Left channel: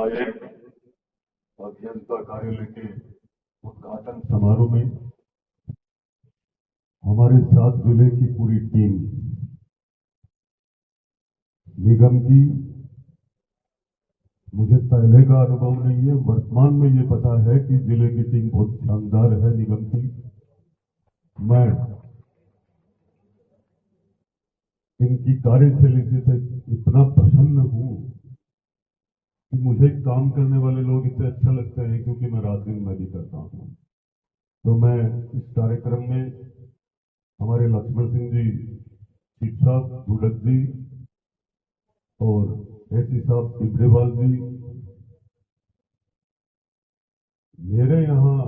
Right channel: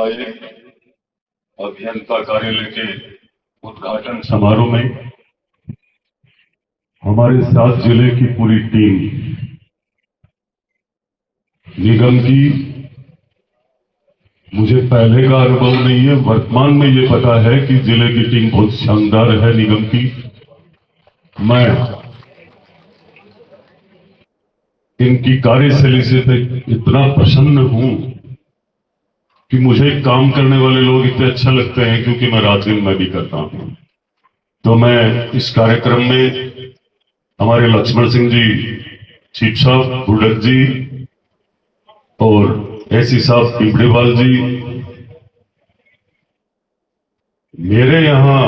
आए अभियंता कार्यालय के उद्घाटन समारोह में हमारे 7 जिले की पूरी टीम निगम की, मुझे पहले का अनुभव नहीं है, वर्तमान में ये पता है कि जिले की टीम बहुत शानदार है निगम की। मैं इनकी कार्यशैली से इतना प्रसन्न हूं कि मुझे काम करने वाले लोग इतने अच्छा लगते हैं, क्योंकि मैं रात दिन मैं भी करता हूं। तो मैं इस कार्यक्रम में हमारे लक्ष्मण सिंह जी चीफ साहब, बुडक जी और एसी साहब पिंपड़ेवाल जी, मेरे यहां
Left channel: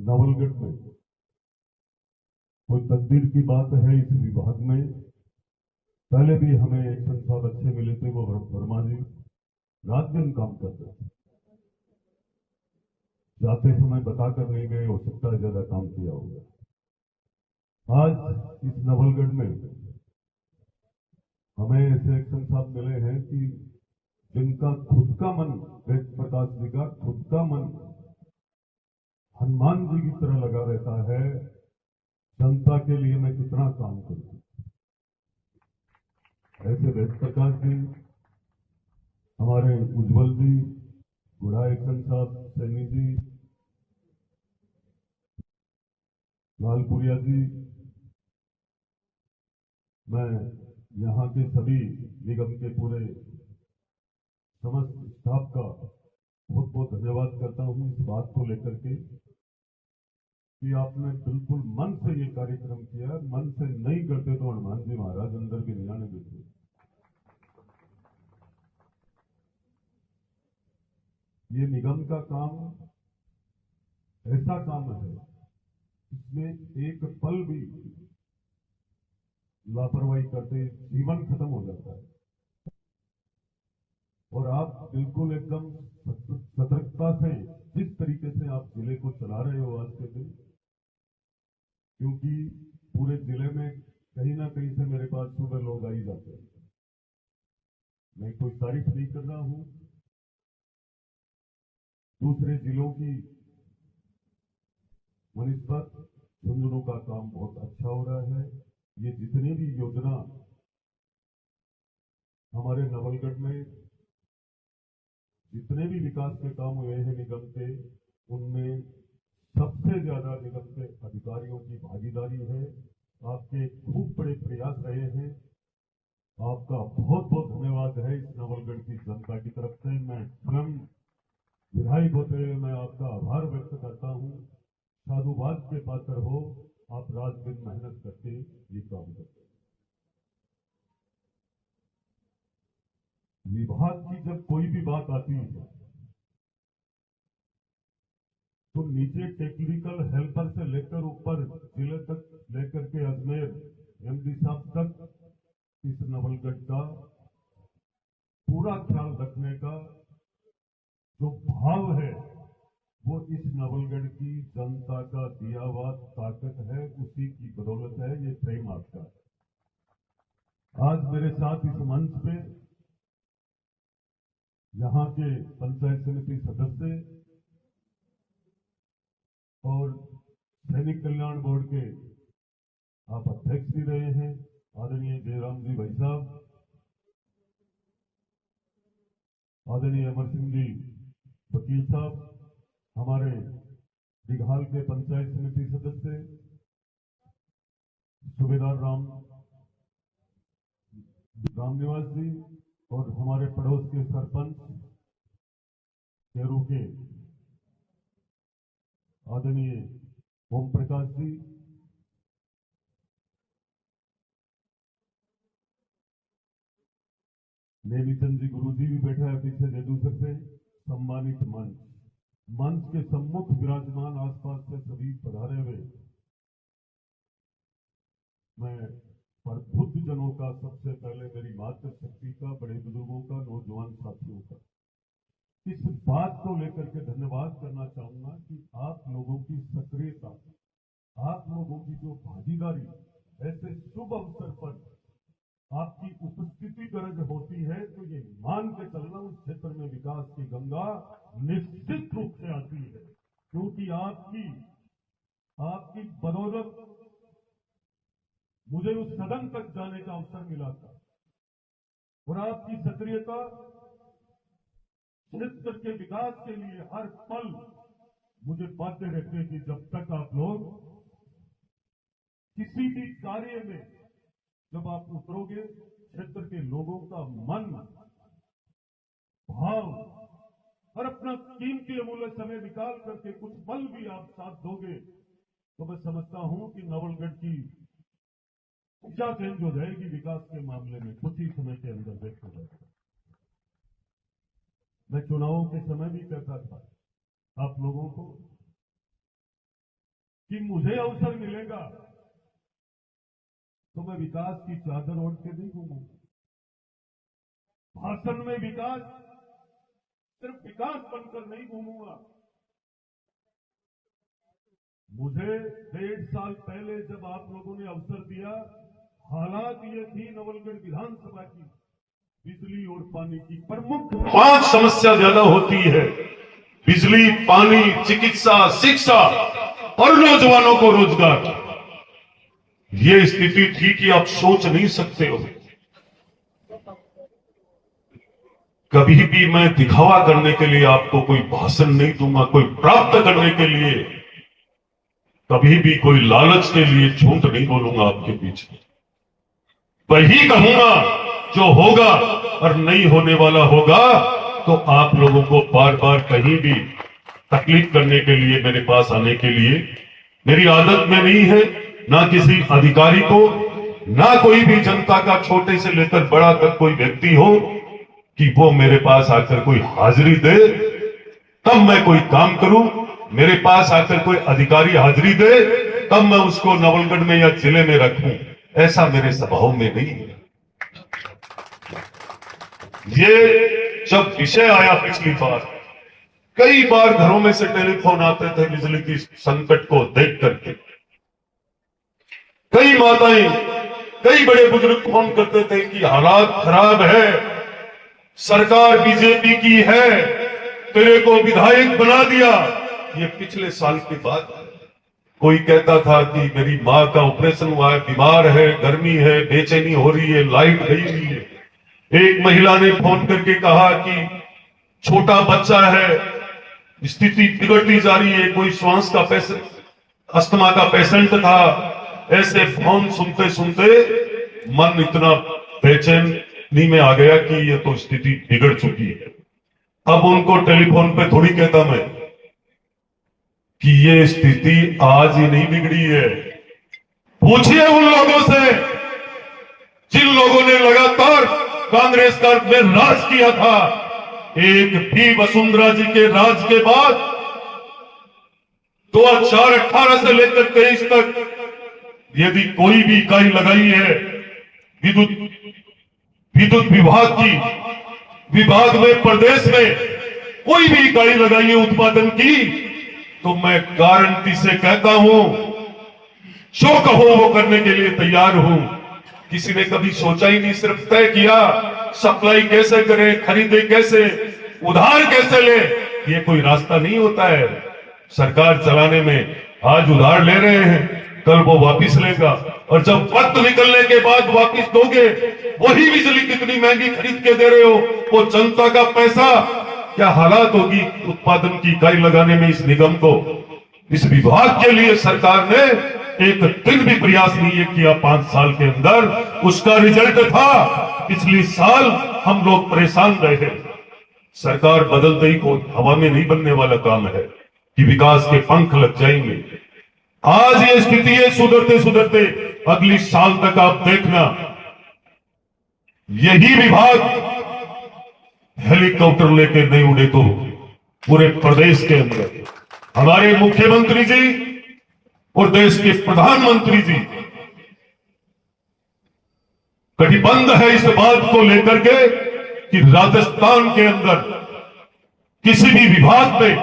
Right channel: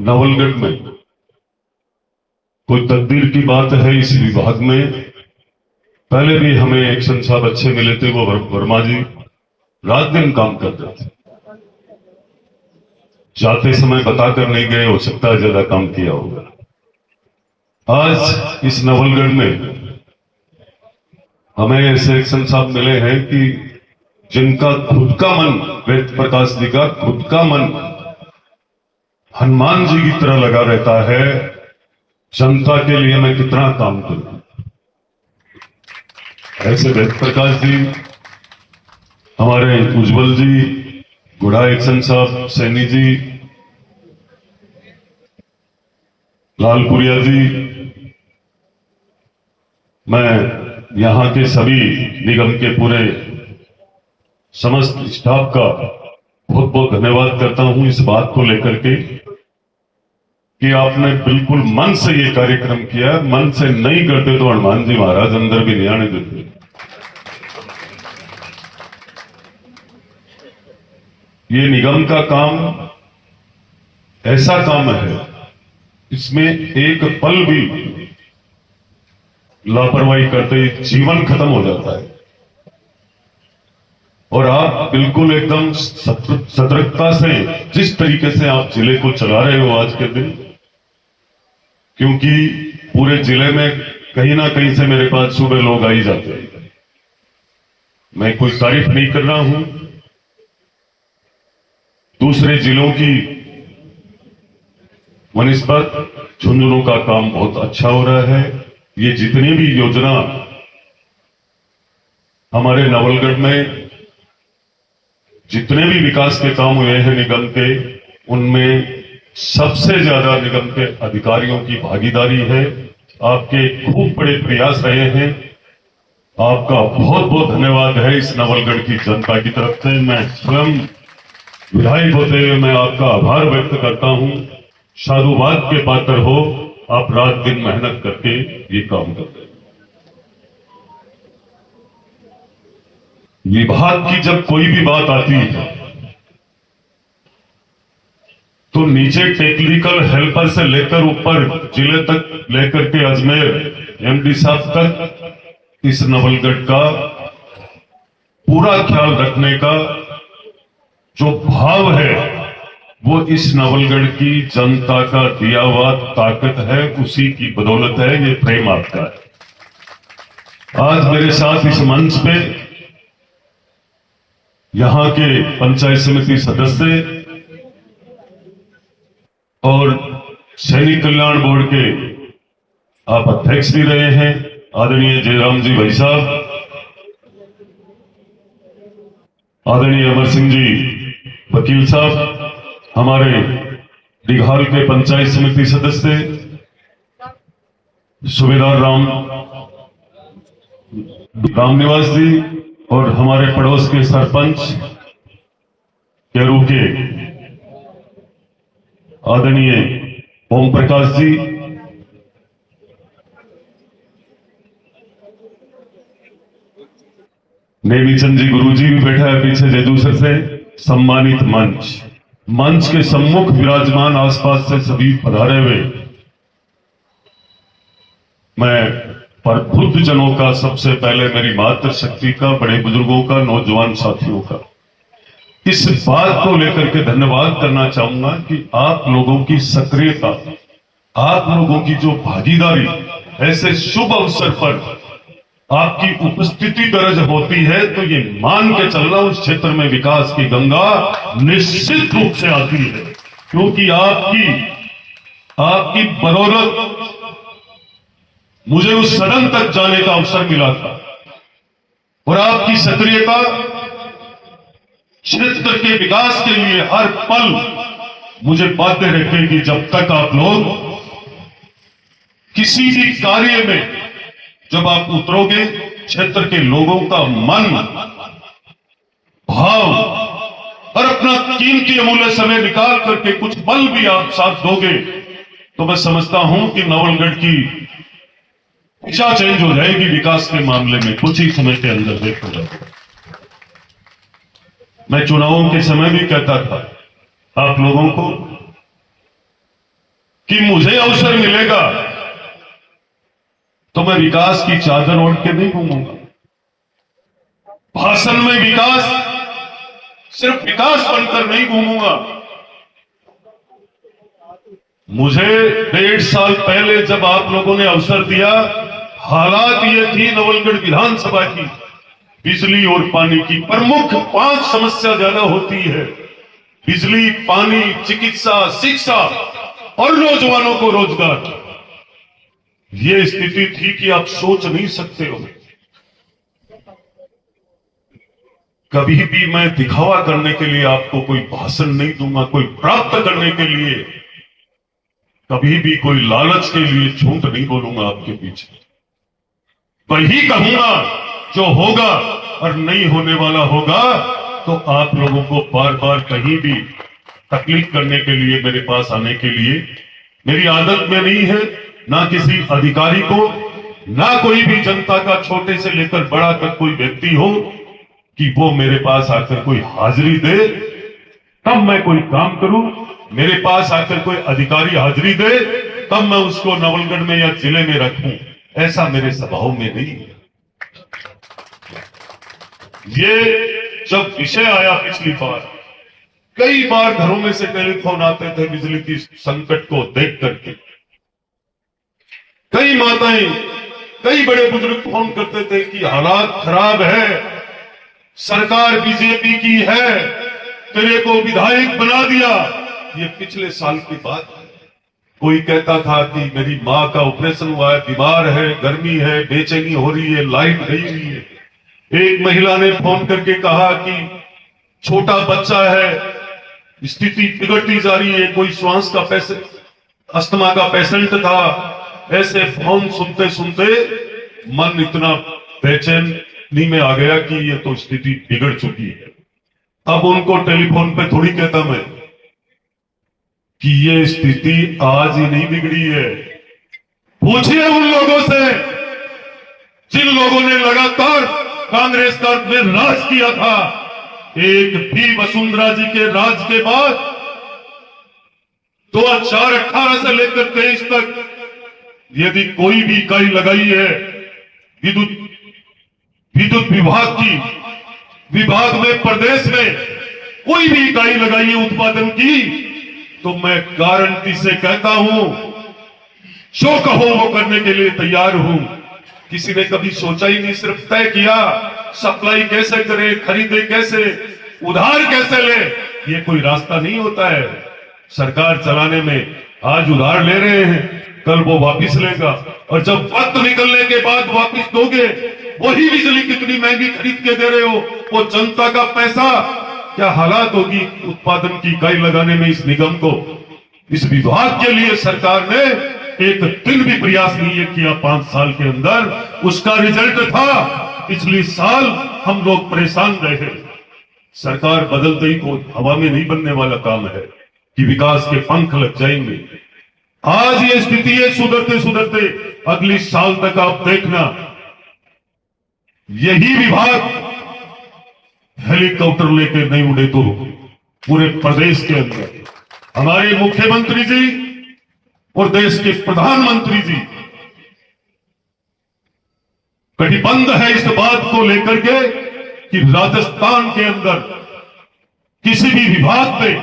नवलगढ़ में कोई तकदीर की बात है इस विभाग में। पहले भी हमें एक्शन साहब अच्छे मिले थे, वो वर्मा जी रात दिन काम करते थे, जाते समय बताकर नहीं गए, हो सकता है ज्यादा काम किया होगा। आज इस नवलगढ़ में हमें ऐसे एक्शन साहब मिले हैं कि जिनका खुद का मन, वेद प्रकाश जी का खुद का मन हनुमान जी की तरह लगा रहता है, जनता के लिए मैं कितना काम करूं। ऐसे वेद प्रकाश जी, हमारे उज्जवल जी, गुड़ा एक्शन साहब, सैनी जी, लालपुरिया जी, मैं यहां के सभी निगम के पूरे समस्त स्टाफ का बहुत बहुत धन्यवाद करता हूं इस बात को लेकर के कि आपने बिल्कुल मन से ये कार्यक्रम किया। मन से नहीं करते तो हनुमान जी महाराज अंदर भी नहीं आने देते। ये निगम का काम ऐसा काम है, इसमें एक पल भी लापरवाही करते ही जीवन खत्म हो जाता है। और आप बिल्कुल एकदम सतर्कता से जिस तरीके से आप जिले को चला रहे हो आज के दिन, क्योंकि पूरे जिले में कहीं ना कहीं से मेरे पास सुबह लोग आ ही जाते हैं। मैं कोई तारीफ नहीं कर रहा हूं, दूसरे जिलों की वनिस्पत झुंझुनू का काम बहुत अच्छा हो रहा है। ये जितनी भी योजना हमारे नवलगढ़ में जितने भी विकास के काम हुए हैं निगम के, उनमें सबसे ज्यादा निगम के अधिकारियों की भागीदारी है। आपके खूब बड़े प्रयास रहे हैं, आपका बहुत बहुत धन्यवाद है इस नवलगढ़ की जनता की तरफ से। मैं स्वयं विधायक होते हुए मैं आपका आभार व्यक्त करता हूं। साधुवाद के पात्र हो, आप रात दिन मेहनत करके ये काम करते हैं। विभाग की जब कोई भी बात आती है तो नीचे टेक्निकल हेल्पर से लेकर ऊपर जिले तक लेकर के अजमेर एमडी साहब तक इस नवलगढ़ का पूरा ख्याल रखने का जो भाव है, वो इस नवलगढ़ की जनता का दिया हुआ ताकत है, उसी की बदौलत है। ये प्रेम आपका है। आज मेरे साथ इस मंच पे यहां के पंचायत समिति सदस्य और सैनिक कल्याण बोर्ड के आप अध्यक्ष भी रहे हैं, आदरणीय जयराम जी भाई साहब, आदरणीय अमर सिंह जी वकील साहब, हमारे दिघाल के पंचायत समिति सदस्य सुबेदार रामनिवास जी, और हमारे पड़ोस के सरपंच केरू के आदरणीय ओम प्रकाश जी, नेमीचंद जी गुरु जी भी बैठा है पीछे जेदूसर से। सम्मानित मंच के सम्मुख विराजमान आसपास से सभी पधारे हुए मैं प्रबुद्ध जनों का, सबसे पहले मेरी मातृशक्ति का, बड़े बुजुर्गों का, नौजवान साथियों का इस बात को लेकर के धन्यवाद करना चाहूंगा कि आप लोगों की सक्रियता, आप लोगों की जो भागीदारी ऐसे शुभ अवसर पर आपकी उपस्थिति दर्ज होती है तो ये मान के चलना उस क्षेत्र में विकास की गंगा निश्चित रूप से आती है, क्योंकि आपकी बदौलत मुझे उस सदन तक जाने का अवसर मिला था और आपकी सक्रियता क्षेत्र के विकास के लिए हर पल मुझे बाध्य रखेगी। जब तक आप लोग किसी भी कार्य में जब आप उतरोगे, क्षेत्र के लोगों का मन भाव और अपना कीमती अमूल्य समय निकाल करके कुछ पल भी आप साथ दोगे, तो मैं समझता हूं कि नवलगढ़ की दिशा चेंज हो जाएगी विकास के मामले में कुछ ही समय के अंदर। देखो, मैं चुनावों के समय भी कहता था आप लोगों को कि मुझे अवसर मिलेगा तो मैं विकास की चादर ओढ़ के नहीं घूमूंगा। भाषण में विकास, सिर्फ विकास बनकर नहीं घूमूंगा। मुझे 1.5 साल पहले जब आप लोगों ने अवसर दिया, हालात ये थी नवलगढ़ विधानसभा की, बिजली और पानी की प्रमुख 5 समस्या ज्यादा होती है। बिजली, पानी, चिकित्सा, शिक्षा और नौजवानों को रोजगार। ये स्थिति थी कि आप सोच नहीं सकते हो। कभी भी मैं दिखावा करने के लिए आपको कोई भाषण नहीं दूंगा, कोई प्राप्त करने के लिए, कभी भी कोई लालच के लिए झूठ नहीं बोलूंगा आपके पीछे। वही कहूंगा जो होगा, और नहीं होने वाला होगा तो आप लोगों को बार बार कहीं भी तकलीफ करने के लिए मेरे पास आने के लिए मेरी आदत में नहीं है। ना किसी अधिकारी को, ना कोई भी जनता का छोटे से लेकर बड़ा तक कोई व्यक्ति हो कि वो मेरे पास आकर कोई हाजिरी दे तब मैं कोई काम करूं। मेरे पास आकर कोई अधिकारी हाजिरी दे तब मैं उसको नवलगढ़ में या जिले में रखूं, ऐसा मेरे स्वभाव में नहीं है। ये जब विषय आया पिछली बार, कई बार घरों में से टेलीफोन आते थे बिजली की संकट को देख करके। कई माताएं, कई बड़े बुजुर्ग फोन करते थे कि हालात खराब है, सरकार बीजेपी की है, तेरे को विधायक बना दिया। ये पिछले साल की बात है। कोई कहता था कि मेरी मां का ऑपरेशन हुआ है, बीमार है, गर्मी है, बेचैनी हो रही है, लाइट गई हुई है। एक महिला ने फोन करके कहा कि छोटा बच्चा है, स्थिति बिगड़ती जा रही है। कोई श्वास का पेशेंट, अस्थमा का पेशेंट था। ऐसे फोन सुनते सुनते मन इतना बेचैनी में आ गया कि ये तो स्थिति बिगड़ चुकी है। अब उनको टेलीफोन पे थोड़ी कहता मैं कि ये स्थिति आज ही नहीं बिगड़ी है। पूछिए उन लोगों से जिन लोगों ने लगातार कांग्रेस का में राज किया था। एक भी वसुंधरा जी के राज के बाद 2018 से लेकर 23 तक यदि कोई भी इकाई लगाई है विद्युत विभाग की, विभाग में प्रदेश में कोई भी इकाई लगाई है उत्पादन की, तो मैं गारंटी से कहता हूं, जो कहो वो करने के लिए तैयार हूं। किसी ने कभी सोचा ही नहीं, सिर्फ तय किया सप्लाई कैसे करें, खरीदे कैसे, उधार कैसे ले। ये कोई रास्ता नहीं होता है सरकार चलाने में। आज उधार ले रहे हैं, कल वो वापिस लेगा, और जब वक्त निकलने के बाद वापिस दोगे, वही बिजली कितनी महंगी खरीद के दे रहे हो, वो जनता का पैसा। क्या हालात होगी उत्पादन की इकाई लगाने में इस निगम को। इस विभाग के लिए सरकार ने एक दिन भी प्रयास नहीं किया 5 साल के अंदर। उसका रिजल्ट था पिछले साल हम लोग परेशान रहे। सरकार बदलते ही को हवा में नहीं बनने वाला काम है कि विकास के पंख लग जाएंगे। आज ये स्थिति है, सुधरते सुधरते अगली साल तक आप देखना, यही विभाग हेलीकॉप्टर लेकर नहीं उड़े तो पूरे प्रदेश के अंदर हमारे मुख्यमंत्री जी और देश के प्रधानमंत्री जी कटिबद्ध है इस बात को लेकर के कि राजस्थान के अंदर किसी भी विभाग पे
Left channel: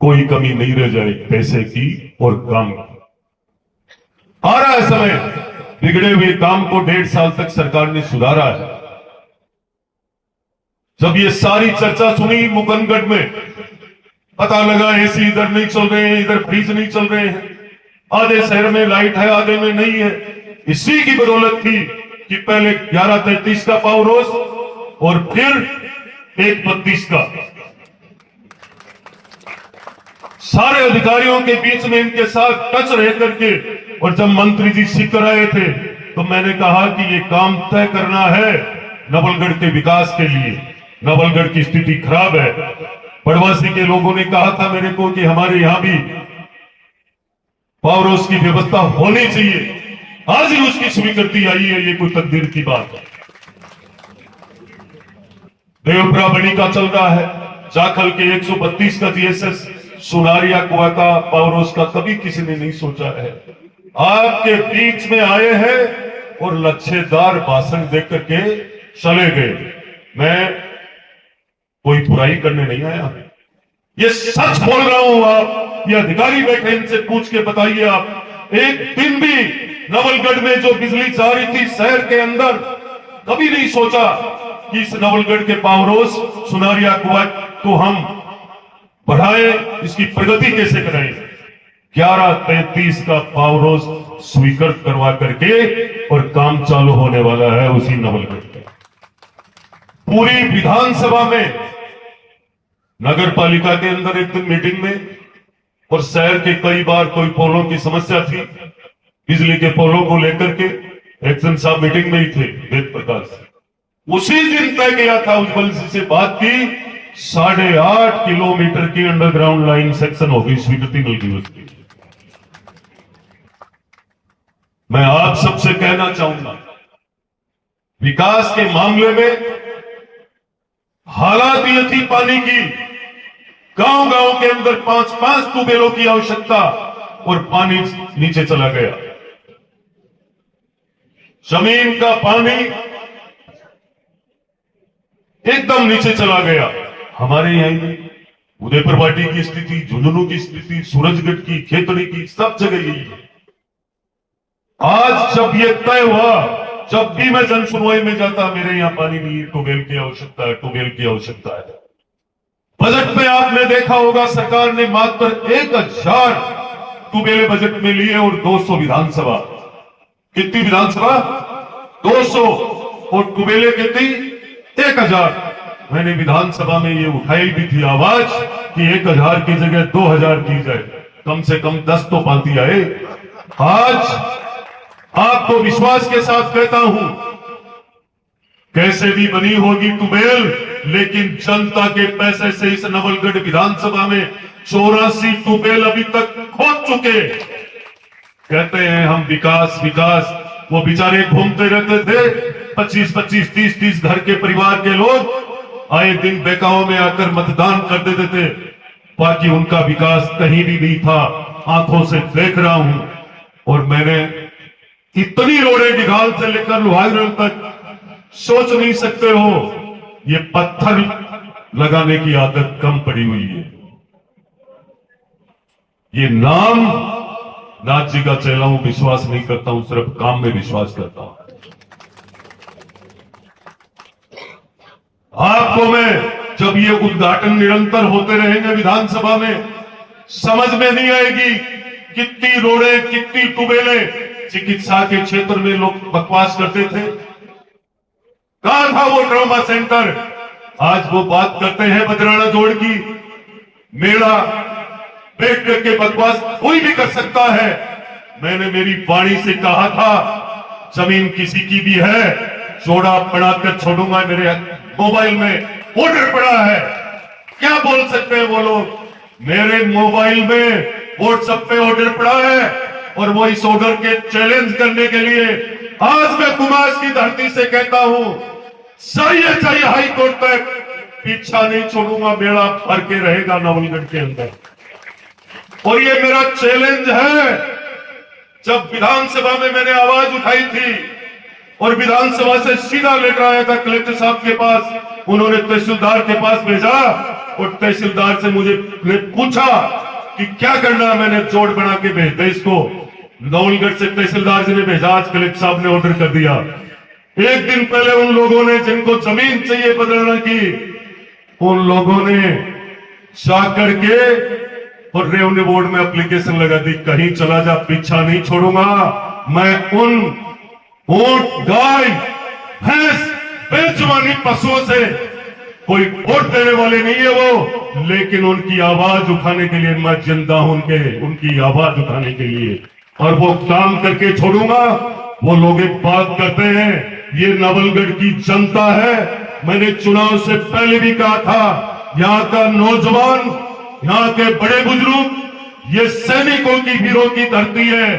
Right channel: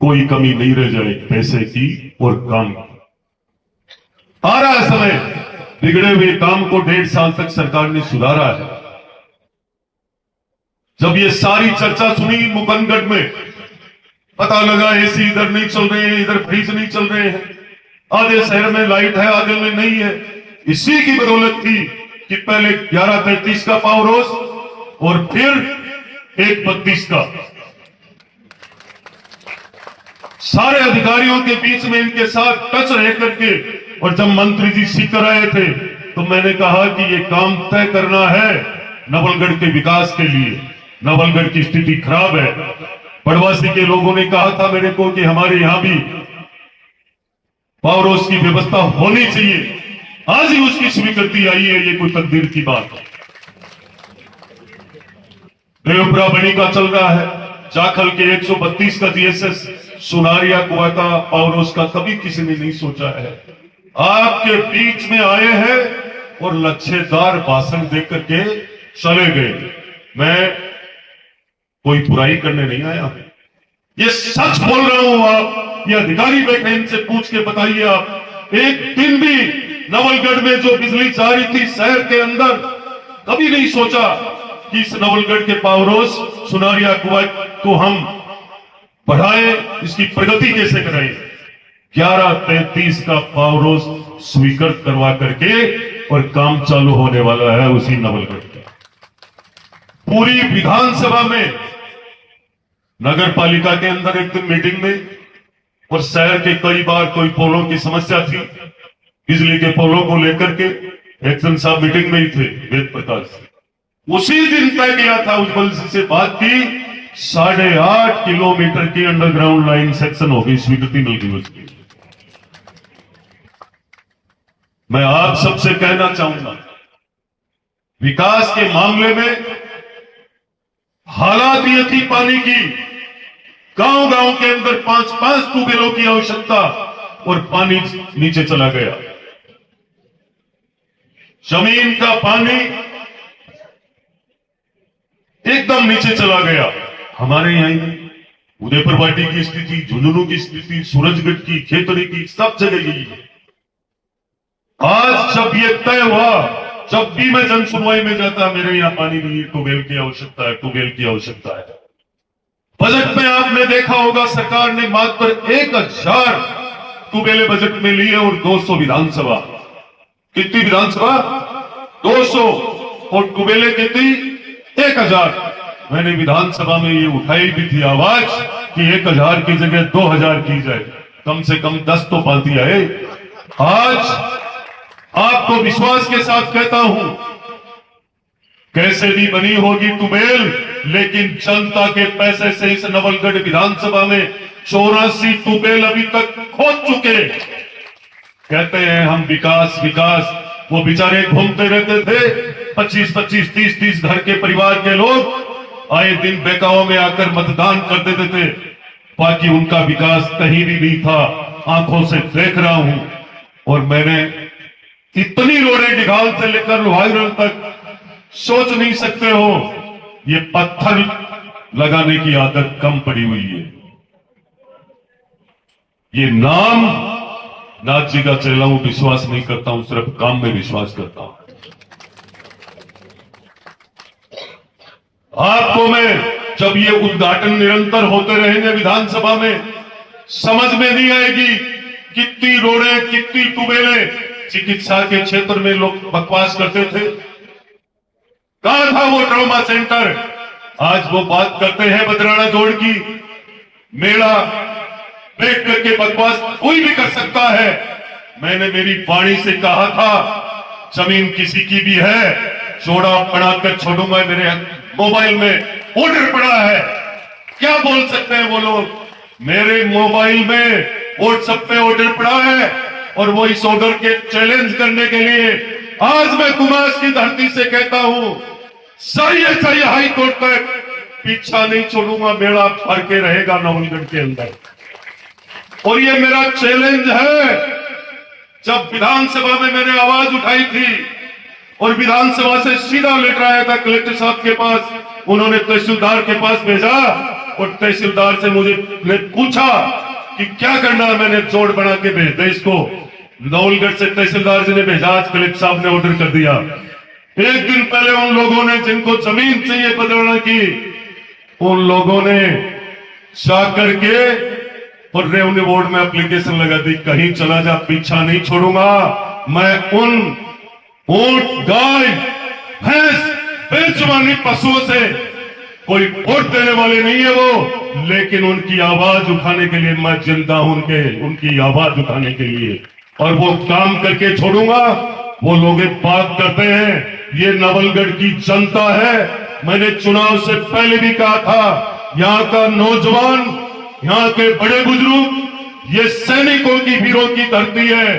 कोई कमी नहीं रह जाए पैसे की और काम की। आ रहा है समय बिगड़े हुए काम को 1.5 साल तक सरकार ने सुधारा है। जब ये सारी चर्चा सुनी मुकंदगढ़ में, पता लगा एसी इधर नहीं चल रहे हैं, इधर फ्रिज नहीं चल रहे हैं, आधे शहर में लाइट है, आधे में नहीं है। इसी की बदौलत थी कि पहले 11:33 का पावर हाउस और फिर 1:32 का। सारे अधिकारियों के बीच में इनके साथ टच रह करके, और जब मंत्री जी सीकर आए थे तो मैंने कहा कि ये काम तय करना है नवलगढ़ के विकास के लिए। नवलगढ़ की स्थिति खराब है। बड़वासी के लोगों ने कहा था मेरे को कि हमारे यहां भी पावर हाउस की व्यवस्था होनी चाहिए। आज ही उसकी स्वीकृति आई है, ये कोई तकदीर की बात है। देवपुरा बनी का चल रहा है, जाखल के 132 का जीएसएस, सुनारिया कुआ का पावर हाउस का कभी किसी ने नहीं सोचा है। आपके बीच में आए हैं और लच्छेदार भाषण देख करके चले गए। मैं कोई बुराई करने नहीं आया, ये सच बोल रहा हूं। आप ये अधिकारी बैठे, इनसे पूछ के बताइए। आप एक दिन भी नवलगढ़ में जो बिजली जा रही थी शहर के अंदर, कभी नहीं सोचा कि इस नवलगढ़ के पावर हाउस सुनारिया कुआ को हम बढ़ाए, इसकी प्रगति कैसे करें। 11:33 का पावर हाउस स्वीकृत करवा करके और काम चालू होने वाला है उसी नवलगढ़ का। पूरी विधानसभा में, नगर पालिका के अंदर एक दिन मीटिंग में, और शहर के कई बार कोई पोलों की समस्या थी, बिजली के पोलों को लेकर के एक्शन साहब मीटिंग में ही थे, वेद प्रकाश। उसी दिन तय किया था, उज्जवल जी से बात की, 8.5 किलोमीटर की अंडरग्राउंड लाइन सेक्शन होगी, स्वीकृति मिल गई उसकी। मैं आप सबसे कहना चाहूंगा, विकास के मामले में हालात ये थी पानी की, गांव गांव के अंदर 5-5 ट्यूबवेलों की आवश्यकता, और पानी नीचे चला गया। जमीन का पानी एकदम नीचे चला गया। हमारे यहां ही नहीं, उदयपुर वाटी की स्थिति, झुंझुनू की स्थिति, सूरजगढ़ की, खेतड़ी की, सब जगह यही है। आज जब ये तय हुआ, जब भी मैं जन सुनवाई में जाता, मेरे यहां पानी नहीं है, ट्यूबवेल की आवश्यकता है, ट्यूबवेल की आवश्यकता है। बजट में आपने देखा होगा, सरकार ने मात्र 1000 ट्यूबवेल बजट में लिए और 200 विधानसभा। कितनी विधानसभा? 200, और ट्यूबवेल कितनी? 1000। मैंने विधानसभा में ये उठाई भी थी आवाज कि 1000 की जगह 2000 की जाए, कम से कम 10 तो पाती आए। आज आपको विश्वास के साथ कहता हूं, कैसे भी बनी होगी ट्यूबवेल, लेकिन जनता के पैसे से इस नवलगढ़ विधानसभा में 84 ट्यूबवेल अभी तक खोद चुके। कहते हैं हम विकास विकास, वो बेचारे घूमते रहते थे, 25-25, 30-30 घर के परिवार के लोग आए दिन बेकाओं में आकर मतदान कर देते थे, बाकी उनका विकास कहीं भी नहीं था। आंखों से देख रहा हूं, और मैंने इतनी रोडें डिघाल से लेकर लोहागढ़ तक, सोच नहीं सकते हो, ये पत्थर लगाने की आदत कम पड़ी हुई है। ये नाम नाथ जी का चेला हूं, विश्वास नहीं करता हूं, सिर्फ काम में विश्वास करता हूं। आपको मैं, जब ये उद्घाटन निरंतर होते रहेंगे विधानसभा में, समझ में नहीं आएगी कितनी रोडें, कितनी ट्यूबवेलें। चिकित्सा के क्षेत्र में लोग बकवास करते थे, कहां था वो ट्रॉमा सेंटर? आज वो बात करते हैं बजराना जोड़ की, मेला बैठ करके बकवास कोई भी कर सकता है। मैंने मेरी वाणी से कहा था, जमीन किसी की भी है, जोड़ा बनाकर छोड़ूंगा। मेरे मोबाइल में ऑर्डर पड़ा है, क्या बोल सकते हैं वो लोग? मेरे मोबाइल में व्हाट्सएप पे ऑर्डर पड़ा है, और वो इस ऑर्डर के चैलेंज करने के लिए आज मैं कुमास की धरती से कहता हूं, सही हाई कोर्ट तक पीछा नहीं छोड़ूंगा। मेला भर के रहेगा नवलगढ़ के अंदर, और ये मेरा चैलेंज है। जब विधानसभा में मैंने आवाज उठाई थी और विधानसभा से सीधा लेटर आया था कलेक्टर साहब के पास, उन्होंने तहसीलदार के पास भेजा, और तहसीलदार से मुझे पूछा कि क्या करना है। मैंने जोड़ बना के भेज दे इसको, नवलगढ़ से तहसीलदार जी ने भेजा, आज कलेक्टर साहब ने ऑर्डर कर दिया। एक दिन पहले उन लोगों ने जिनको जमीन चाहिए बदलने की, उन लोगों ने जा करके और रेवेन्यू बोर्ड में एप्लीकेशन लगा दी, कहीं चला जा पीछा नहीं छोड़ूंगा। मैं उन ऊंट, गाय, भैंस, बेजुबानी पशुओं से कोई वोट देने वाले नहीं है वो, लेकिन उनकी आवाज उठाने के लिए मैं जिंदा हूं, उनकी आवाज उठाने के लिए, और वो काम करके छोड़ूंगा। वो लोग एक बात करते हैं, ये नवलगढ़ की जनता है। मैंने चुनाव से पहले भी कहा था, यहाँ का नौजवान, यहाँ के बड़े बुजुर्ग, ये सैनिकों की वीरों की धरती है।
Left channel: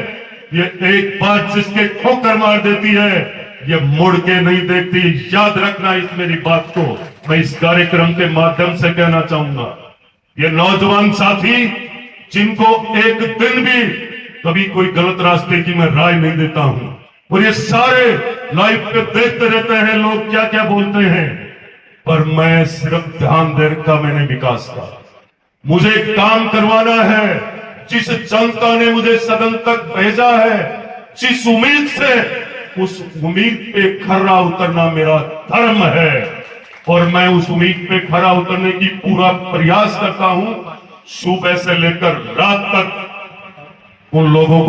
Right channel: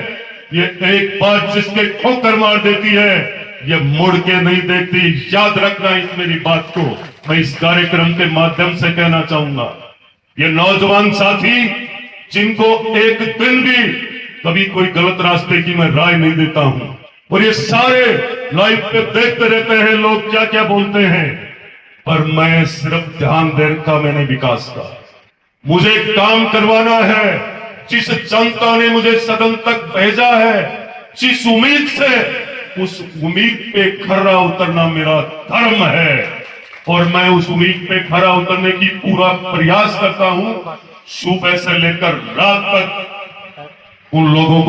ये एक बात जिसके ठोकर मार देती है, ये मुड़ के नहीं देखती। याद रखना इस मेरी बात को, मैं इस कार्यक्रम के माध्यम से कहना चाहूंगा। ये नौजवान साथी जिनको एक दिन भी कभी कोई गलत रास्ते की मैं राय नहीं देता हूं, और ये सारे लाइव पे देखते रहते हैं लोग क्या क्या बोलते हैं, पर मैं सिर्फ ध्यान दे रखा मैंने विकास का। मुझे काम करवाना है। जिस जनता ने मुझे सदन तक भेजा है, जिस उम्मीद से, उस उम्मीद पे खरा उतरना मेरा धर्म है, और मैं उस उम्मीद पे खरा उतरने की पूरा प्रयास करता हूं। सुबह से लेकर रात तक उन लोगों को